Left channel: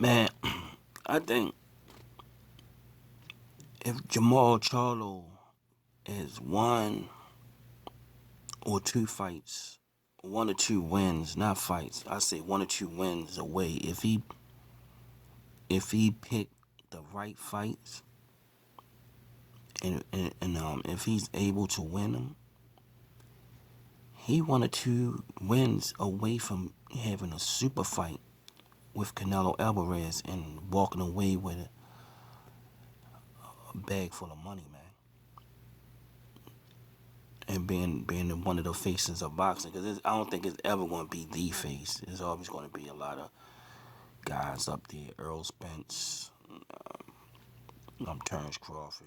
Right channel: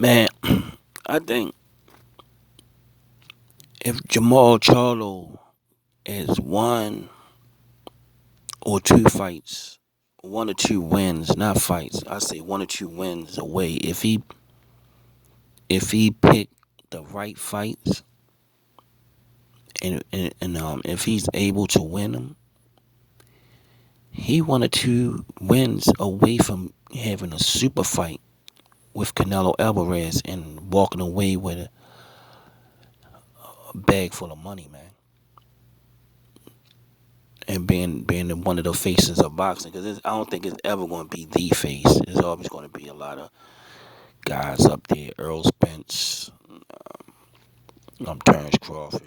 Man, I think if Jermall Charlo is one or two fights, one or two wins, not fights. I say one or two wins away. If he picked the right fights and if he's able to win them, he one or two wins away from having a super fight with Canelo Alvarez and walking away with a bag full of money, man. And being one of the faces of boxing, because I don't think it's ever going to be the face. There's always going to be a lot of guys up there: Earl Spence, Terrence Crawford,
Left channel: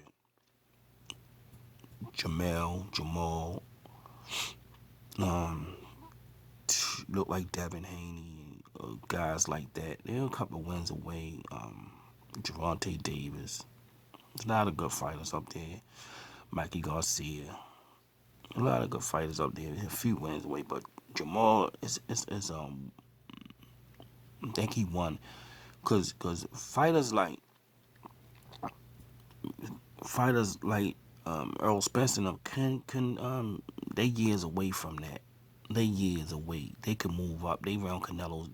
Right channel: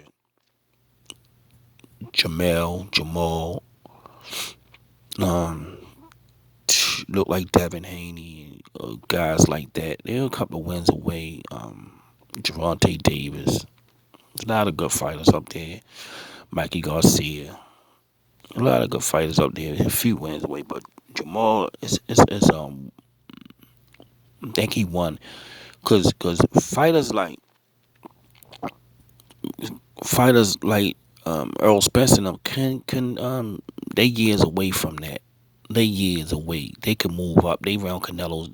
Jermall, um, look like Devin Haney, guys like that. They're a couple of wins away. Gervonta Davis. There's a lot of good fighters up there. Mikey Garcia. A lot of good fighters up there. A few wins away, but Jermall is I think he won because fighters like Earl Spence and them can they years away from that. They years away. They can move up. They round Canelo's.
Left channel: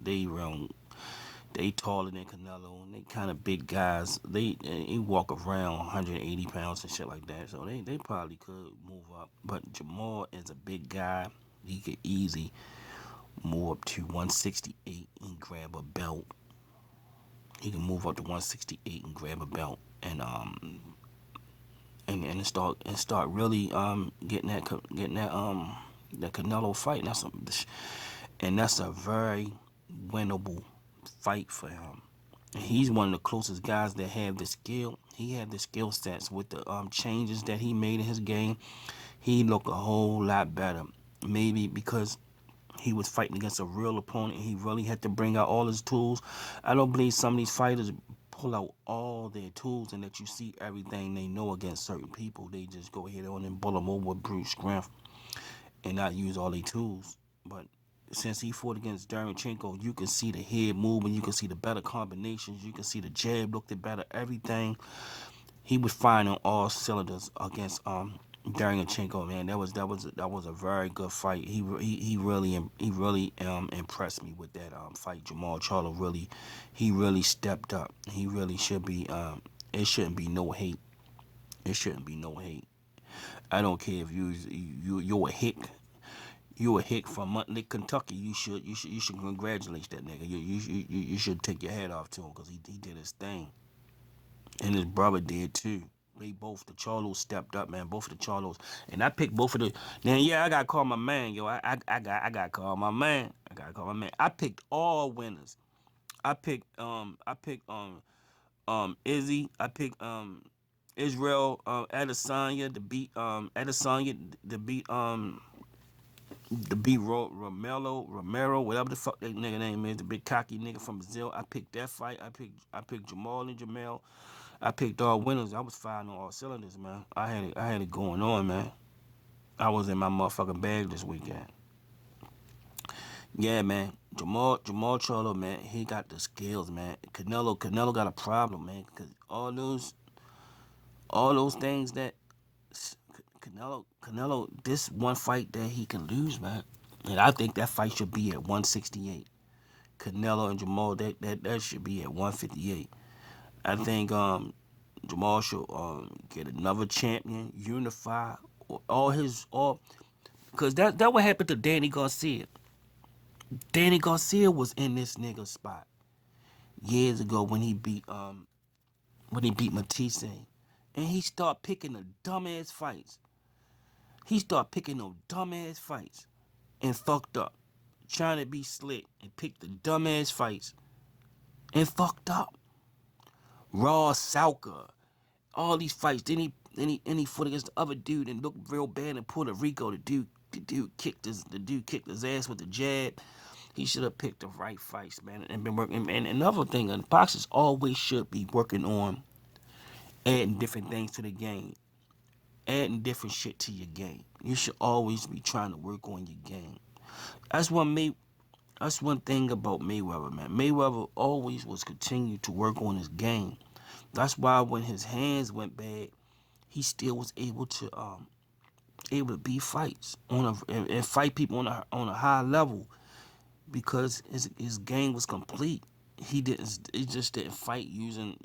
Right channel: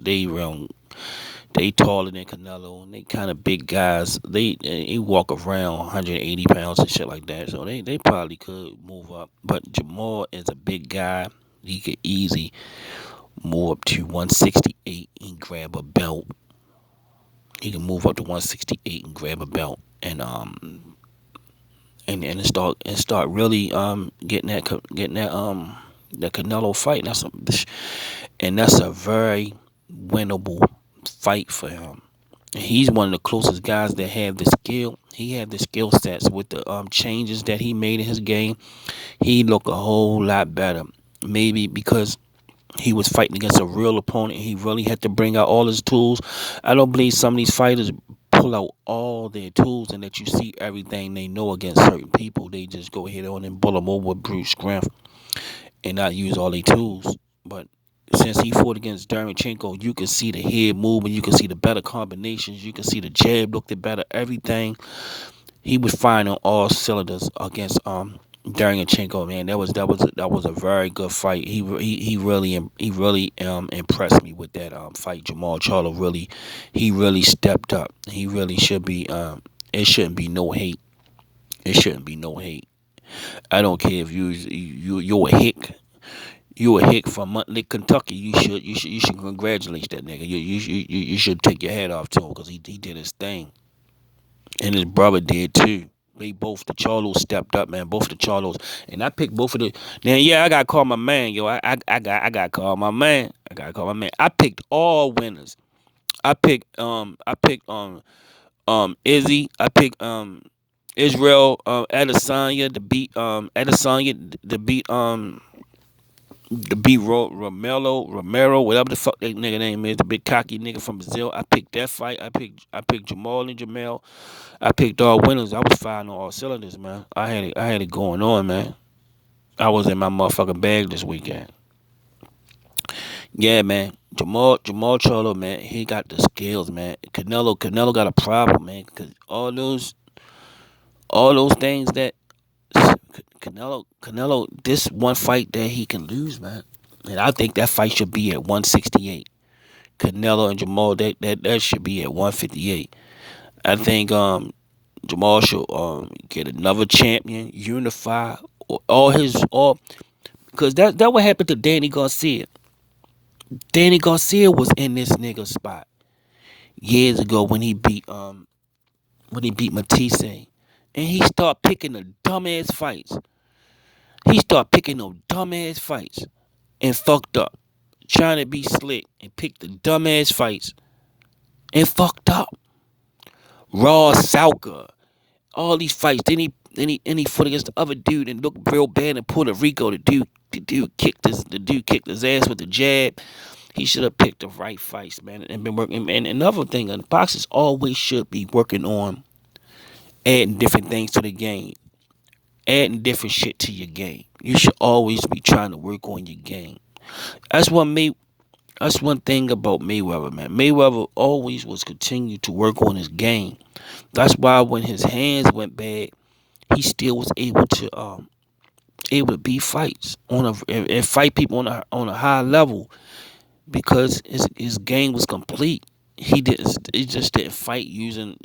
They taller than Canelo. And they kind of big guys. They walk around 180 pounds and shit like that. So they probably could move up. But Jermall is a big guy. He could easy move up to 168 and grab a belt. He can move up to 168 and grab a belt and start really getting that the Canelo fight. That's a very winnable fight for him. And he's one of the closest guys that have the skill. He had the skill sets with the changes that he made in his game. He looked a whole lot better. Maybe because he was fighting against a real opponent. He really had to bring out all his tools. I don't believe some of these fighters pull out all their tools and that you see everything they know against certain people. They just go ahead on and bull them over with brute strength and not use all their tools. But since he fought against Derevchenko, you can see the head movement, you can see the better combinations, you can see the jab looked better, everything. He was fine on all cylinders against Derevchenko. Man, that was a very good fight. He really impressed me with that fight. Jermall Charlo really stepped up. He really should be. It shouldn't be no hate. It shouldn't be no hate. I don't care if you're a hick. You a hick from Montlake, Kentucky. You should congratulate that nigga. You should take your hat off to him because he did his thing, and his brother did too. They both the Charlos stepped up, man. Both the Charlos, and I picked both of the. Now, yeah, I got to call my man, yo. I got to call my man. I got to call my man. I picked all winners. I picked Izzy. I picked Israel Adesanya to beat Romero, whatever the fuck that nigga name is, the big cocky nigga from Brazil. I picked that fight. I picked Jamal and Jamel. I picked all winners. I was firing on all cylinders, man. I had it going on, man. I was in my motherfucking bag this weekend. Yeah, man. Jamal Charlo, man, he got the skills, man. Canelo got a problem, man, because all those things that Canelo, this one fight that he can lose, man. And I think that fight should be at 168. Canelo and Jamal, that should be at 158. I think Jamal should get another champion, unify all because that what happened to Danny Garcia. Danny Garcia was in this nigga spot years ago when he beat Matisse, and he started picking the dumbass fights. He started picking those dumbass fights and fucked up, trying to be slick and pick the dumbass fights and fucked up. Raw Salka, all these fights. Then he fought against the other dude and looked real bad in Puerto Rico. The dude kicked his ass with the jab. He should have picked the right fights, man, and been working. And another thing, boxers always should be working on adding different things to the game, adding different shit to your game. You should always be trying to work on your game. That's what made That's one thing about Mayweather, man. Mayweather always was continued to work on his game. That's why when his hands went bad, he still was able to beat fights and fight people on a high level because his game was complete. He just didn't fight using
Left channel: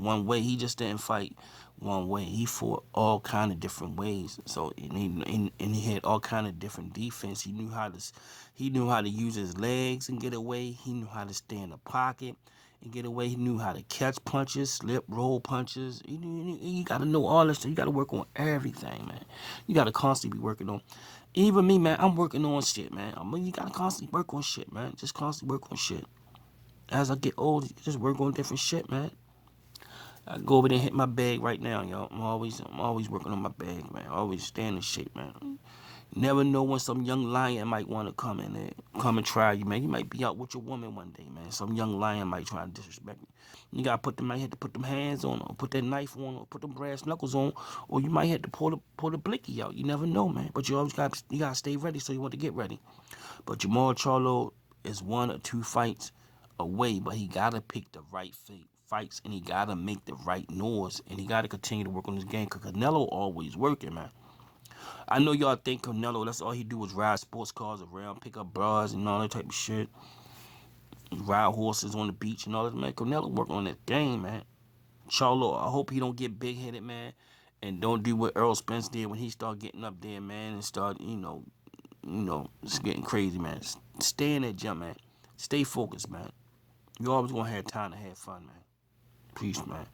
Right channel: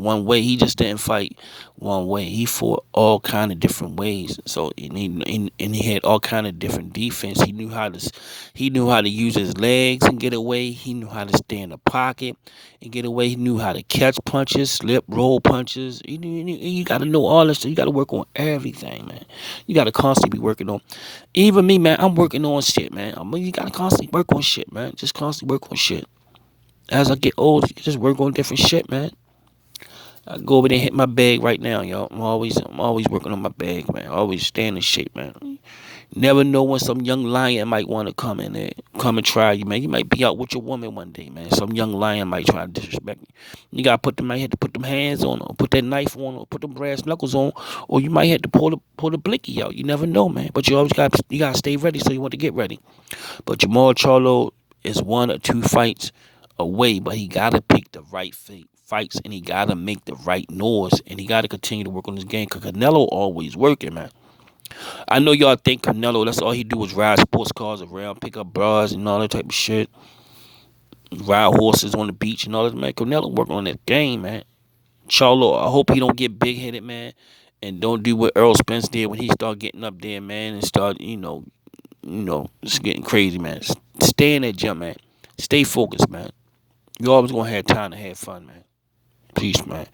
one way. He just didn't fight one way. He fought all kind of different ways. So and he had all kind of different defense. He knew how to use his legs and get away. He knew how to stay in the pocket and get away. He knew how to catch punches, slip, roll punches. You got to know all this stuff. You got to work on everything, man. You got to constantly be working on. Even me, man, I'm working on shit, man. You got to constantly work on shit, man. Just constantly work on shit. As I get older, you just work on different shit, man. I go over there and hit my bag right now, y'all. I'm always working on my bag, man. Always staying in shape, man. Never know when some young lion might want to come in there, come and try you, man. You might be out with your woman one day, man. Some young lion might try to disrespect you. You gotta might have to put them hands on, or put that knife on, or put them brass knuckles on, or you might have to pull the blicky out. You never know, man. But you gotta stay ready, so you want to get ready. But Jermall Charlo is one or two fights away, but he gotta pick the right fights, and he gotta make the right noise, and he gotta continue to work on his game. Cause Canelo always working, man. I know y'all think Canelo, that's all he do is ride sports cars around, pick up bras and all that type of shit, ride horses on the beach and all that, man. Canelo working on that game, man. Charlo, I hope he don't get big headed, man, and don't do what Earl Spence did when he start getting up there, man, and start, it's getting crazy, man. Stay in that gym, man. Stay focused, man. You always gonna have time to have fun, man. Peace, man.